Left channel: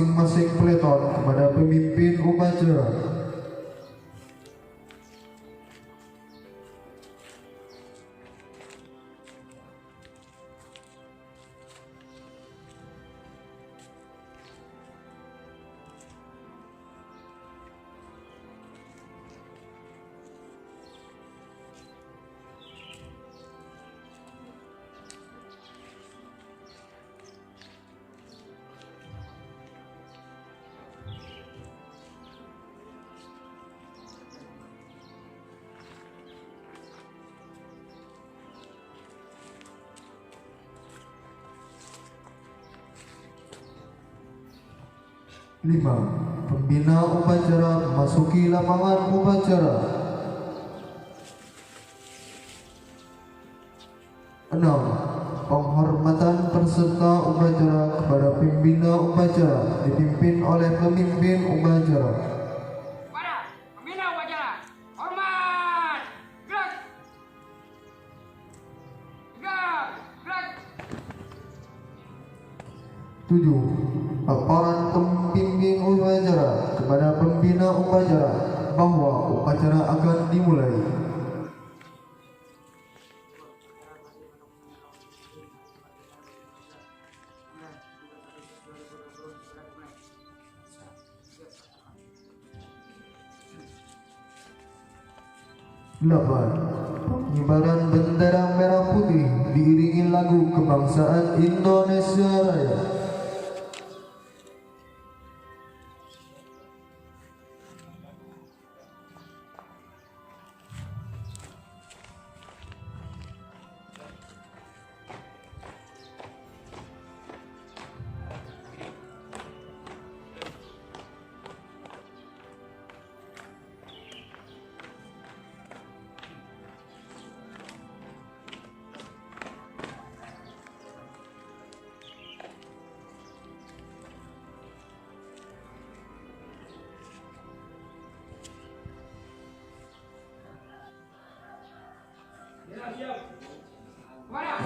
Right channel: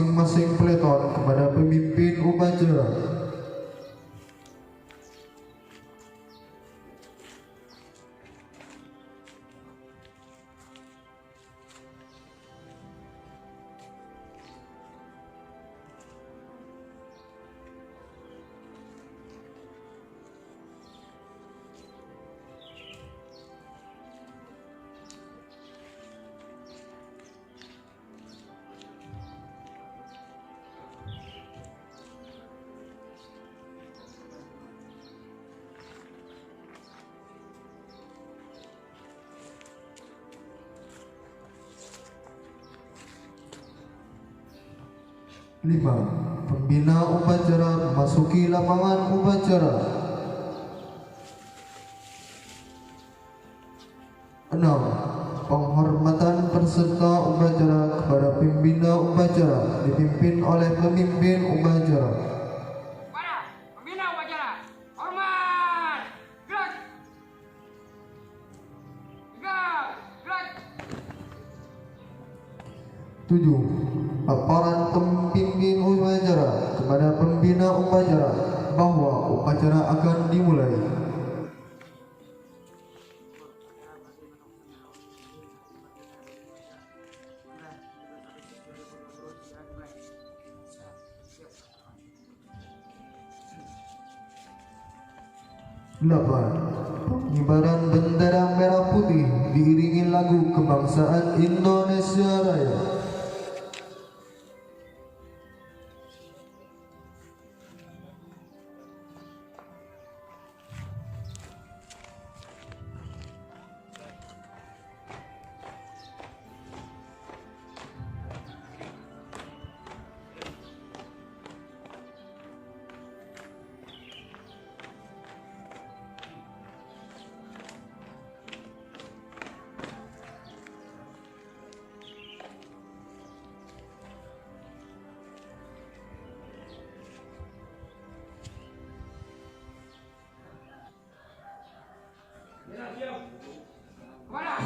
masing-masing peleton kepada pemimpin upacara. Lima, pembina upacara memasuki lapangan upacara. 6. Penghormatan peserta upacara kepada pembina upacara dipimpin oleh pemimpin upacara. Pada pembina upacara, hormat, gerak, tegap, gerak. 7. Paparan pemimpin upacara kepada pembina upacara bahwa upacara akan dimulai. Delapan, pengibaran bendera merah putih diiringi lagu kebangsaan Indonesia Raya. Pada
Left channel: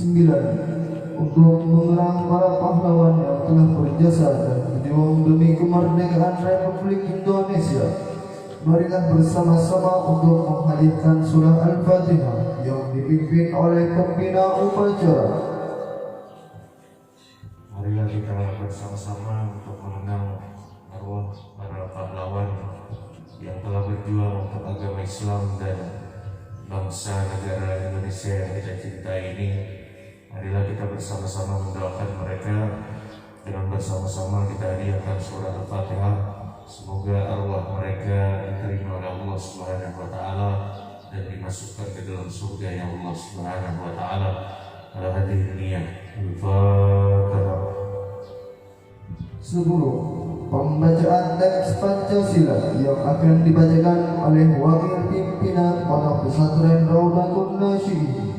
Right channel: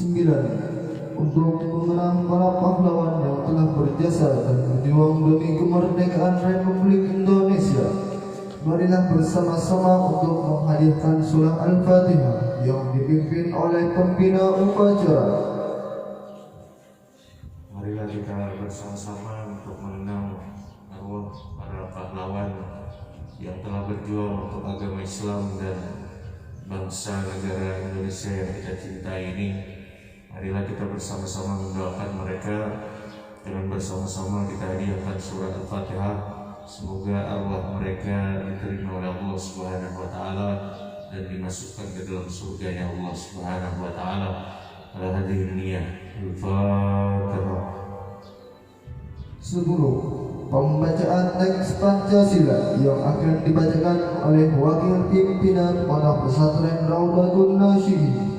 9. Untuk mengenang para pahlawan yang telah berjasa dan berjuang demi kemerdekaan Republik Indonesia, marilah bersama-sama untuk menghadiahkan surah Al-Fatihah yang dipimpin oleh pembina upacara. Marilah kita bersama-sama untuk mengenang arwah para pahlawan yang telah berjuang untuk agama Islam dan bangsa negara Indonesia yang kita cintai ini. Marilah kita bersama-sama mendoakan mereka dengan bersama-sama kita hadiahkan surah Al-Fatihah. Semoga arwah mereka diterima oleh Allah Subhanahu wa taala dan dimasukkan ke dalam surga Allah Subhanahu wa taala. Al-Hadirin niyah. Al-Fatihah. 10. Pembacaan teks Pancasila yang akan dibacakan oleh Wakil Pimpinan Pondok Pesantren Raudatul Nasyidin.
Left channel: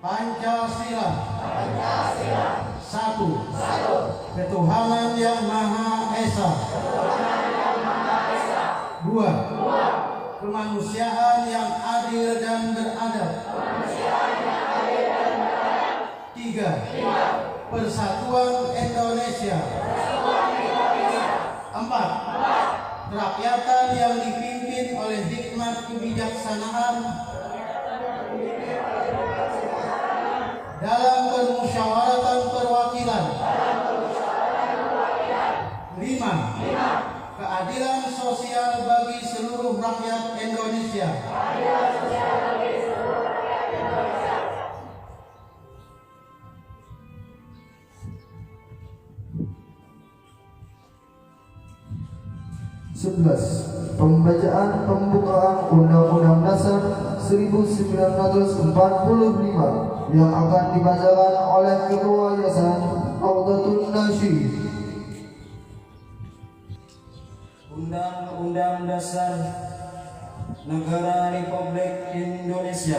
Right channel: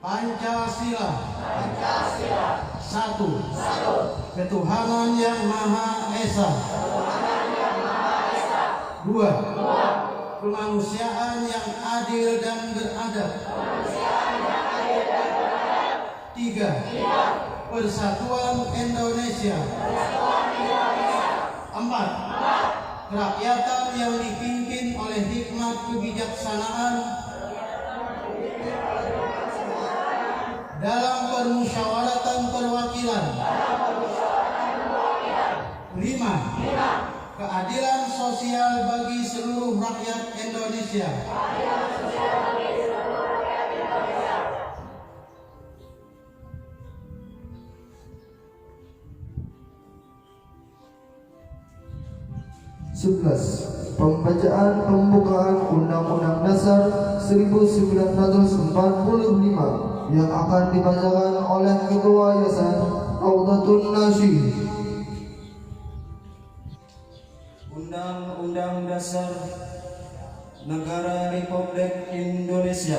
Pancasila. Satu. Ketuhanan yang Maha Esa. Dua. Kemanusiaan yang adil dan beradab. Tiga. Persatuan Indonesia. Empat. Kerakyatan yang dipimpin oleh hikmat kebijaksanaan dalam permusyawaratan perwakilan. 5. Keadilan sosial bagi seluruh rakyat Indonesia. 11. Pembacaan pembukaan Undang-Undang Dasar 1945 yang akan dibacakan oleh Ketua Yayasan Raudatul Nasyidin. Undang-Undang Dasar Negara Republik Indonesia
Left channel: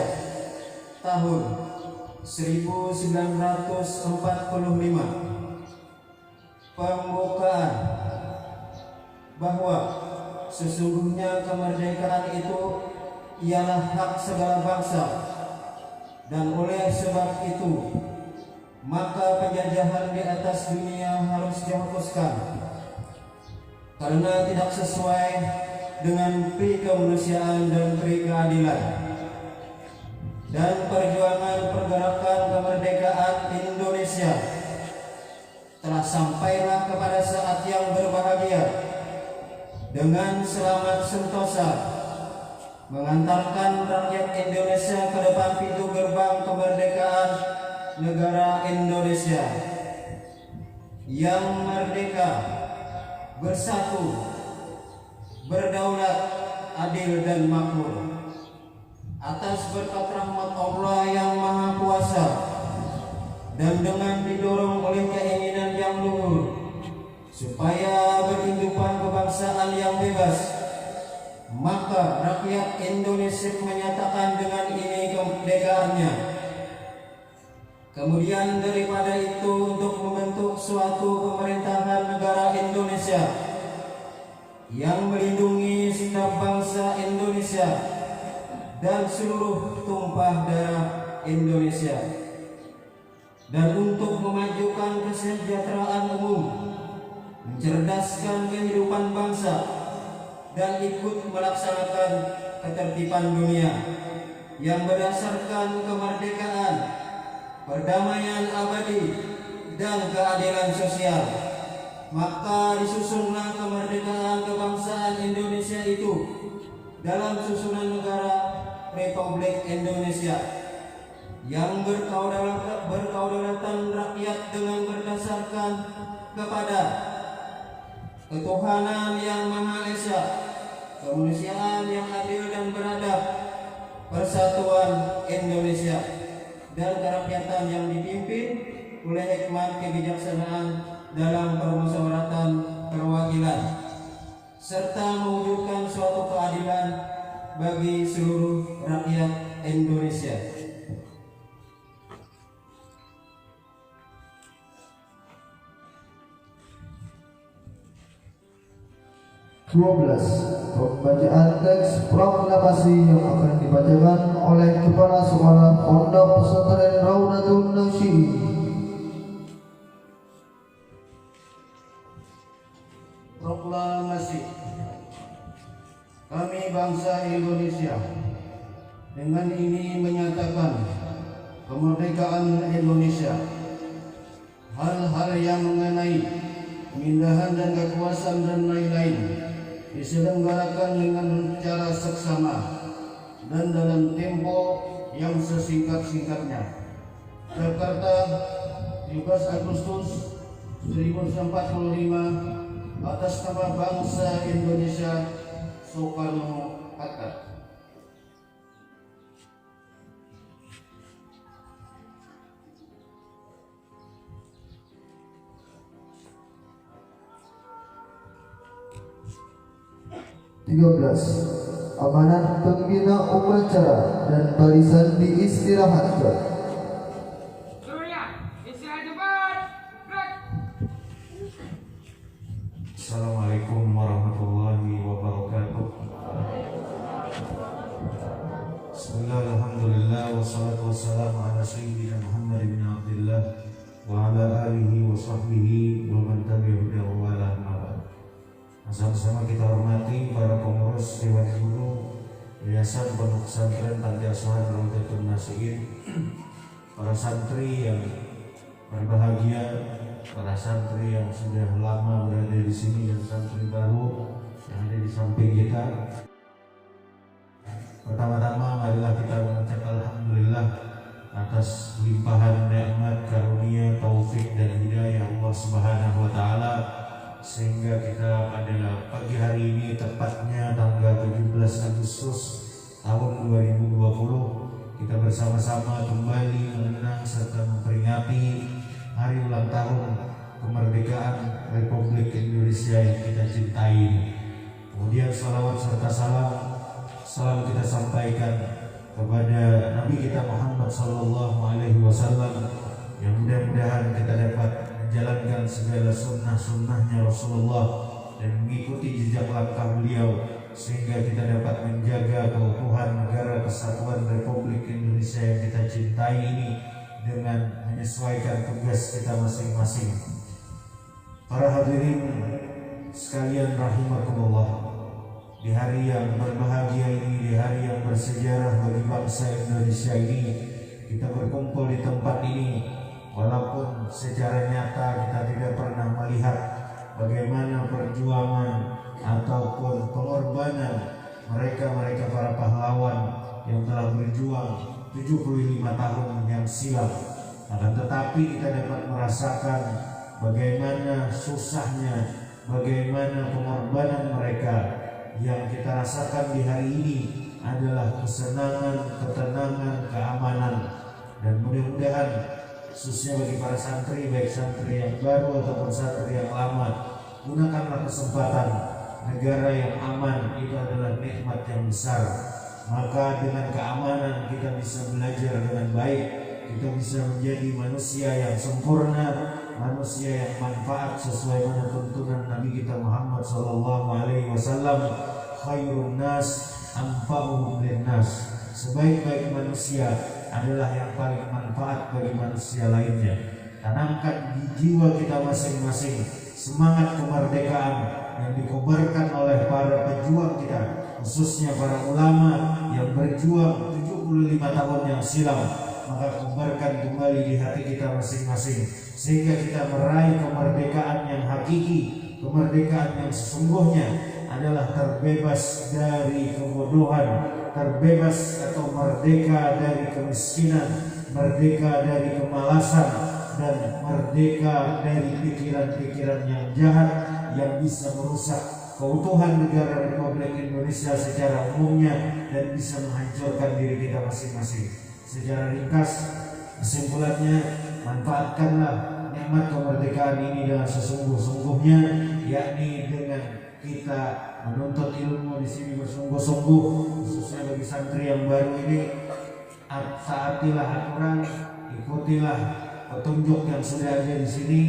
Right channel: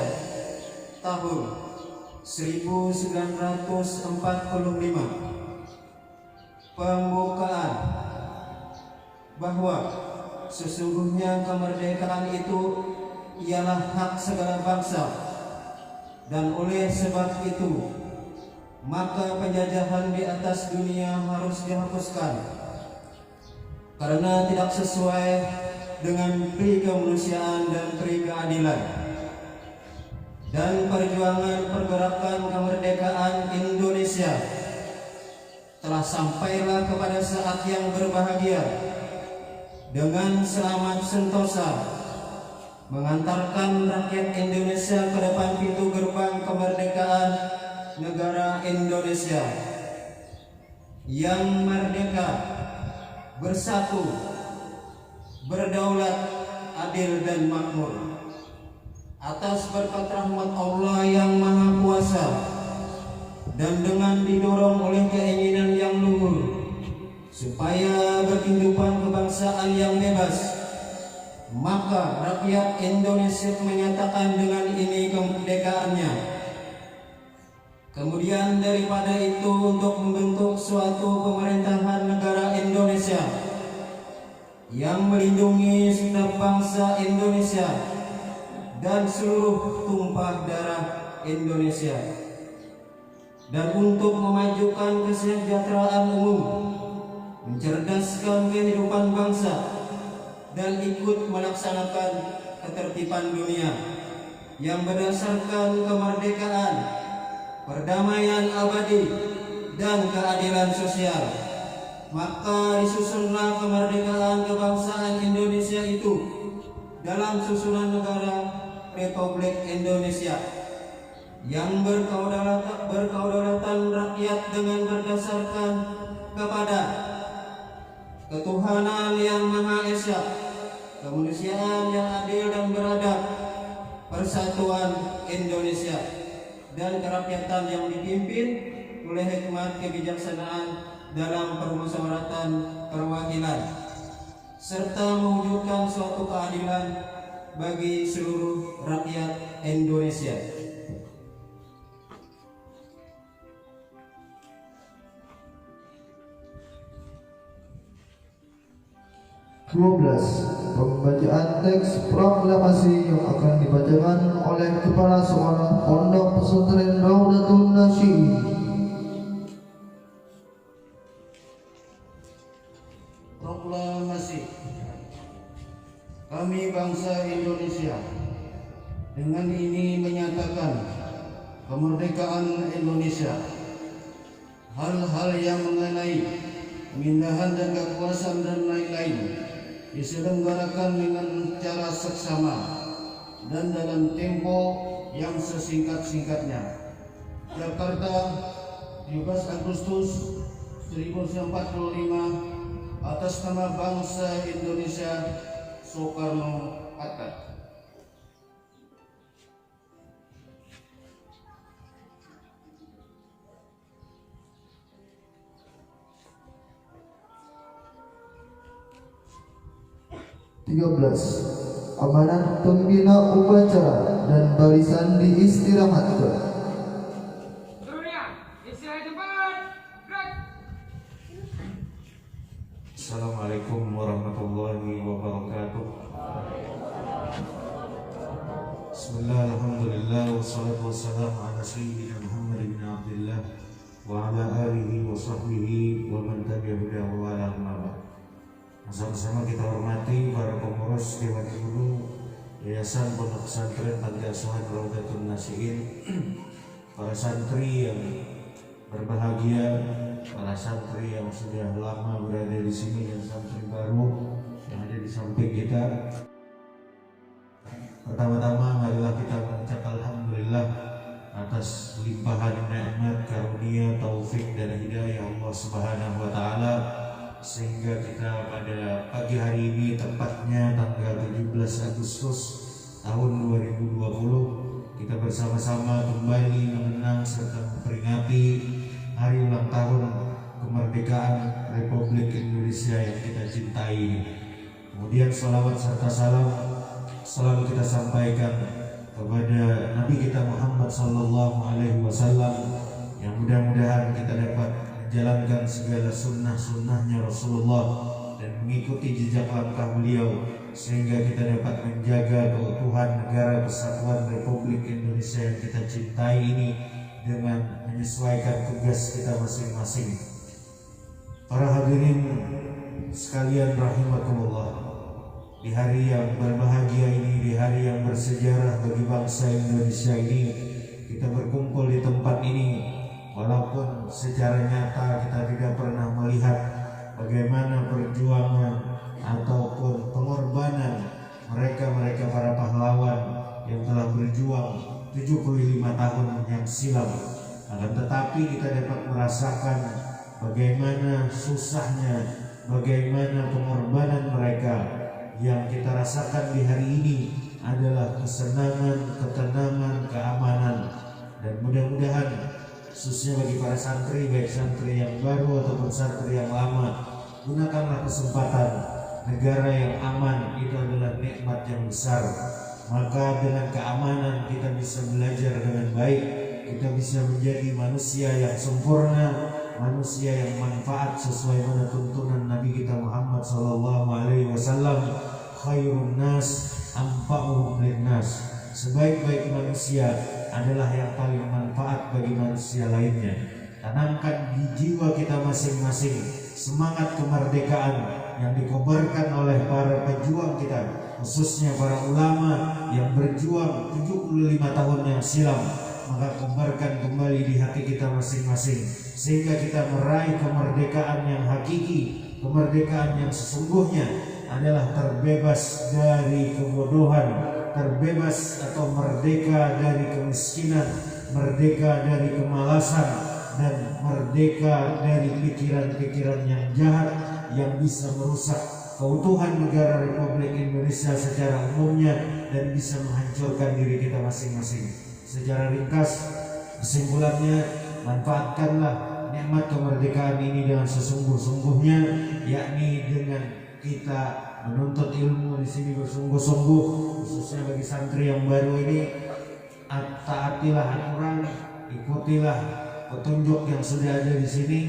tahun 1945. Pembukaan. Bahwa sesungguhnya kemerdekaan itu ialah hak segala bangsa, dan oleh sebab itu maka penjajahan di atas dunia harus dihapuskan karena tidak sesuai dengan pri kemanusiaan dan pri keadilan. Dan perjuangan pergerakan kemerdekaan Indonesia telah sampailah kepada saat yang berbahagia dengan selamat sentosa mengantarkan rakyat Indonesia ke depan pintu gerbang kemerdekaan negara Indonesia yang merdeka, bersatu, berdaulat, adil dan makmur. Atas berkat rahmat Allah yang Maha Kuasa dan dengan didorong oleh keinginan yang luhur supaya berkehidupan kebangsaan yang bebas, maka rakyat Indonesia menyatakan dengan ini kemerdekaannya. Kemudian daripada itu untuk membentuk suatu pemerintahan negara Indonesia yang melindungi segenap bangsa Indonesia dan seluruh tumpah darah Indonesia, dan untuk memajukan kesejahteraan umum, mencerdaskan kehidupan bangsa, dan ikut melaksanakan ketertiban dunia yang berdasarkan kemerdekaan, perdamaian abadi, dan keadilan sosial. Maka disusunlah kemerdekaan kebangsaan Indonesia itu dalam susunan negara Republik Indonesia yang berkedaulatan rakyat dengan berdasarkan kepada ketuhanan yang Maha Esa, kemanusiaan yang adil dan beradab, persatuan Indonesia, dan kerakyatan yang dipimpin oleh hikmat kebijaksanaan dalam permusyawaratan perwakilan serta mewujudkan suatu keadilan bagi seluruh rakyat Indonesia. 12. Pembacaan teks proklamasi yang akan dibacakan oleh Kepala Sekolah Pondok Pesantren Raudatul Nasyid. Proklamasi. Kami bangsa Indonesia dengan ini menyatakan kemerdekaan Indonesia. Hal-hal yang mengenai pemindahan dan kekuasaan dan lain-lain diselenggarakan dengan cara seksama dan dalam tempo yang sesingkat-singkatnya. Jakarta, 17 Agustus 1945, atas nama bangsa Indonesia, Soekarno-Hatta. Amanat pembina upacara dan barisan diistirahatkan. Seluruhnya, istirahat cepat. Gerak. Assalamualaikum warahmatullahi wabarakatuh. Bismillah, alhamdulillah, wassalatu wassalamu ala sayyidina Muhammad bin Abdullah wa ala alihi wa sahbihi wa man tabi'ahu wa ala amabah. Sama-sama kita hormati para pengurus Dewan Guru Yayasan Pondok Pesantren Panti Asuhan Raudatul Nasyid, para santri yang berbahagia, para santri yang sudah lama berada di sini dan santri baru yang ada di samping kita. Pertama-tama marilah kita mengucap alhamdulillah atas limpahan nikmat, karunia, taufik dan hidayah Allah Subhanahu wa taala, sehingga kita pada pagi hari ini, tepatnya tanggal 17 Agustus tahun 2020, kita bersama-sama kembali mengenang serta memperingati hari ulang tahun kemerdekaan Republik Indonesia yang kita cintai ini. Kemudian salawat serta salam selalu kita sampaikan kepada Nabi kita Muhammad sallallahu alaihi wasallam, yang mudah-mudahan kita dapat menjalankan segala sunnah-sunnahnya Rasulullah dan mengikuti jejak langkah beliau, sehingga kita dapat menjaga keutuhan negara kesatuan Republik Indonesia yang kita cintai ini dengan menyesuaikan tugas kita masing-masing. Para hadirin sekalian rahimakumullah, di hari yang berbahagia ini, di hari yang bersejarah bagi bangsa Indonesia ini, kita berkumpul di tempat ini. Walaupun secara nyata kita tidak pernah melihat bagaimana perjuangan ataupun pengorbanan mereka para pahlawan yang telah berjuang 75 tahun yang silam, akan tetapi kita dapat merasakan bagaimana susahnya, bagaimana pengorbanan mereka. Yang kita rasakan di hari ini adalah kesenangan, ketenangan, keamanan, dan mudah-mudahan khususnya bagi para santri, baik santri yang baru ataupun santri yang lama, gunakanlah kesempatan. Negara yang aman itu adalah nikmat yang besar. Maka dengan keamanan kita bisa belajar dengan baik, kita bisa menjadi manusia yang sempurna, manusia yang manfaat sesuai dengan tuntunan Nabi kita Muhammad sallallahu alaihi wasallam, khairun nas anfa'uhum linnas. Sebaik-baik manusia adalah yang paling manfaat bagi manusia lainnya. Tanamkan di jiwa kita masing-masing semangat kemerdekaan yang dikobarkan oleh para pejuang kita, khususnya para ulama yang berjuang 75 tahun yang silam. Maka kobarkan kembali di hati kita masing-masing, sehingga kita meraih kemerdekaan yang hakiki. Kemerdekaan yang sesungguhnya adalah terbebas dari kebodohan, terbebas atau merdeka dari kemiskinan, merdeka dari kemalasan, dan merdeka dari pikiran-pikiran yang jahat yang bisa merusak keutuhan negara Republik Indonesia secara umumnya dan bisa menghancurkan diri kita masing-masing. Secara ringkas, kesimpulannya, manfaatkanlah nikmat kemerdekaan ini dengan sesungguh-sungguhnya, yakni dengan kita menuntut ilmu di sini bersungguh-sungguh, khususnya bagi santri yang baru ini. Taatilah aturan, ikutilah petunjuk yang sudah ada di sini,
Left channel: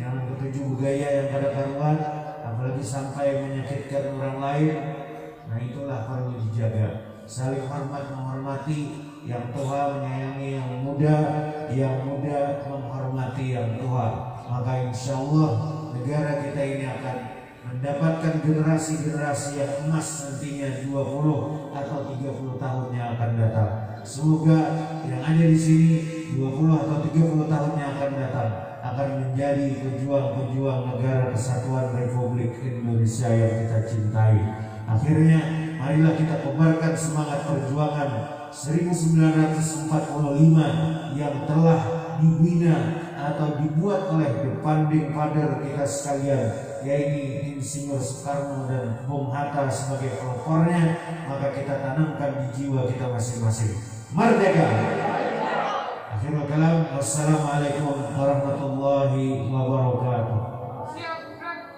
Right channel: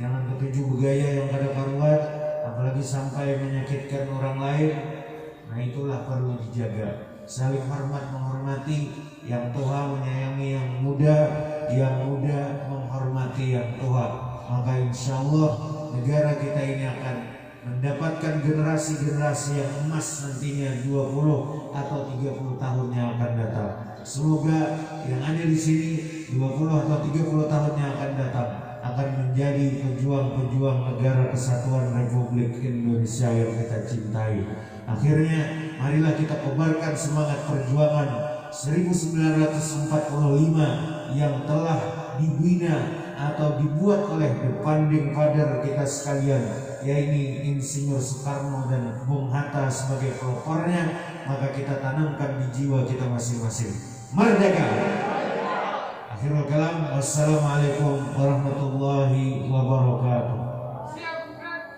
jangan petunjuk bergaya yang kada karuan, apalagi sampai menyakitkan orang lain. Nah, itulah perlu dijaga. Saling hormat menghormati yang tua, menyayangi yang muda menghormati yang tua. Maka insya Allah negara kita ini akan mendapatkan generasi-generasi yang emas nantinya 20 atau 30 tahun yang akan datang. Semoga yang ada di sini 20 atau 30 tahun yang akan datang akan menjadi pejuang-pejuang negara kesatuan Republik Indonesia yang kita cintai. Akhirnya marilah kita kobarkan semangat perjuangan 1945 yang telah dibina atau dibuat oleh the founding father kita sekalian, yaitu Insinyur Soekarno dan Bung Hatta sebagai pelopornya. Maka kita tanamkan di jiwa kita masing-masing. Merdeka! Akhirul kalam, wassalamualaikum warahmatullahi wabarakatuh. Siap, gerak.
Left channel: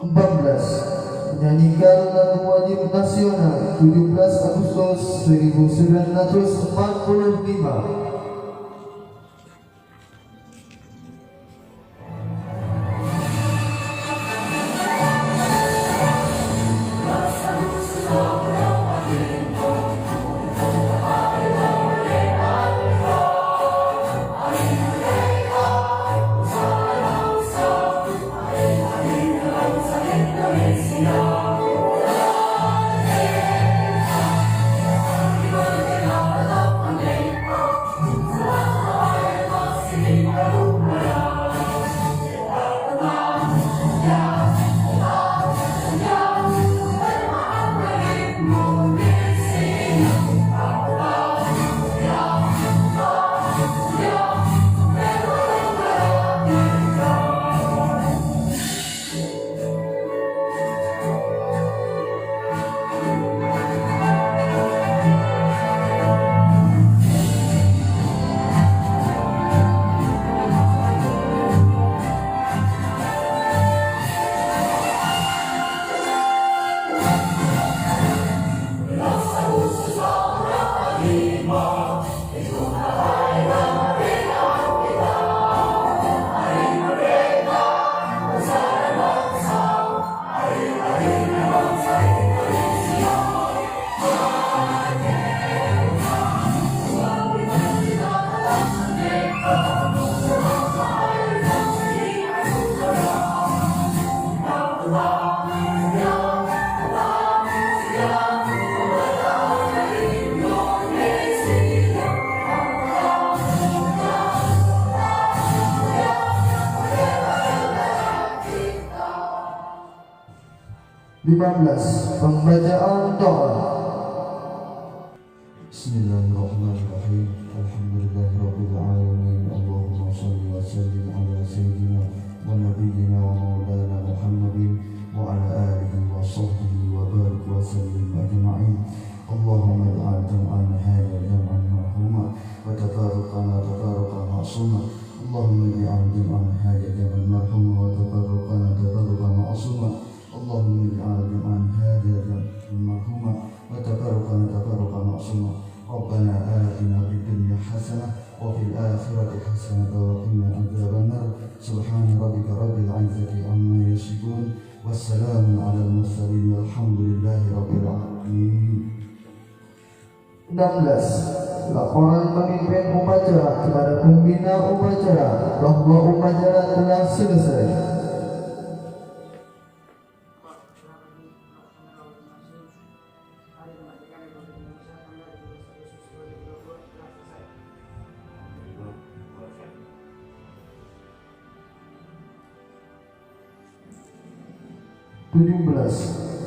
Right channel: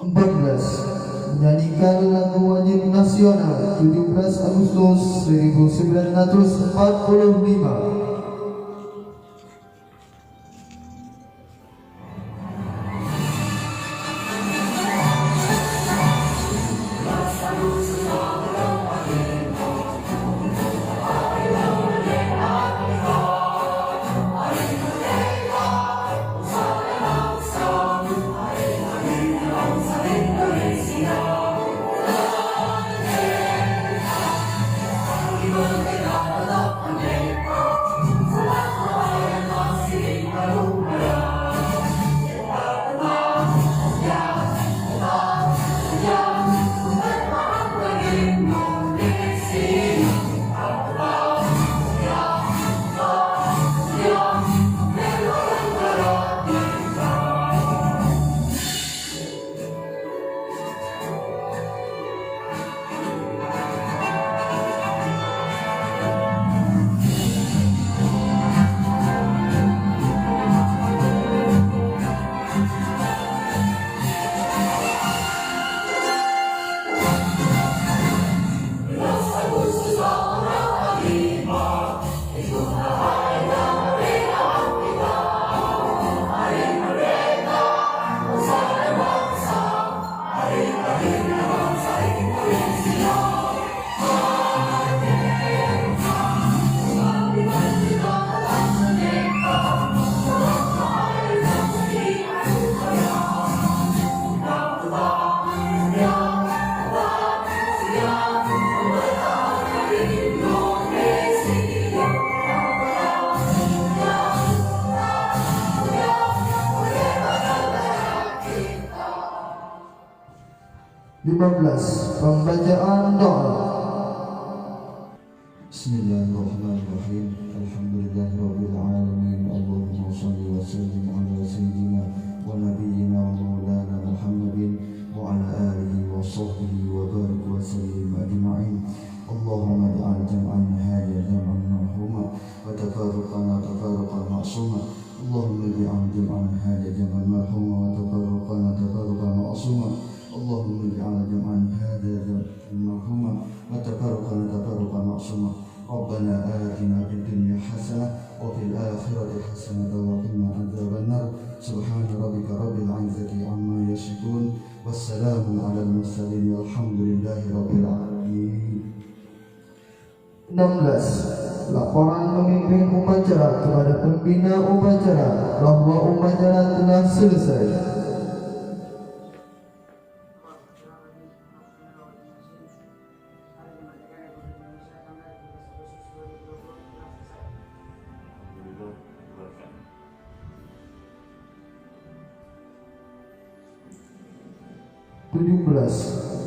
14. Menyanyikan lagu wajib nasional 17 Agustus 1945. Pembacaan doa. Bismillahirrahmanirrahim. Alhamdulillahirabbil alamin. Allahumma shalli wa sallim ala sayyidina wa nabiyyina wa maulana Muhammadin wa ala alihi wa sahbihi wa barik wa sallim ajma'in. Allahumma ij'al jam'ana hadha jam'an marhuma wa tafarraqana tafarraqan ma'suma. Allahumma ij'al jam'ana hadha jam'an marhuma wa tafarraqana tafarraqan ma'suma. Allahumma ij'al jam'ana hadha jam'an marhuma wa tafarraqana tafarraqan ma'suma. Rabbana atina fid dunya hasanah wa fil akhirati hasanah wa qina adzaban nar. Subhana rabbika rabbil izzati amma yasifun. Wassalamun 'alal mursalin walhamdulillahi rabbil alamin. 16. Laporan pemimpin upacara kepada pembina upacara bahwa upacara telah selesai.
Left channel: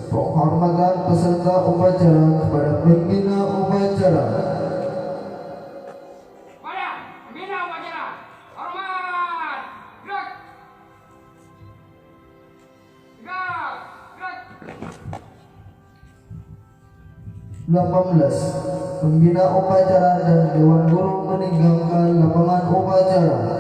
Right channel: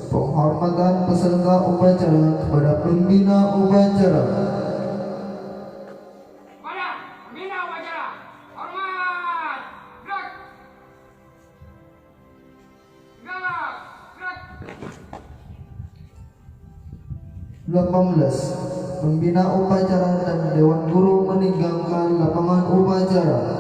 Penghormatan peserta upacara kepada pembina upacara. Pada pembina upacara, hormat, gerak. Gerak, gerak. 18. pembina upacara dan Dewan Guru meninggalkan lapangan upacara.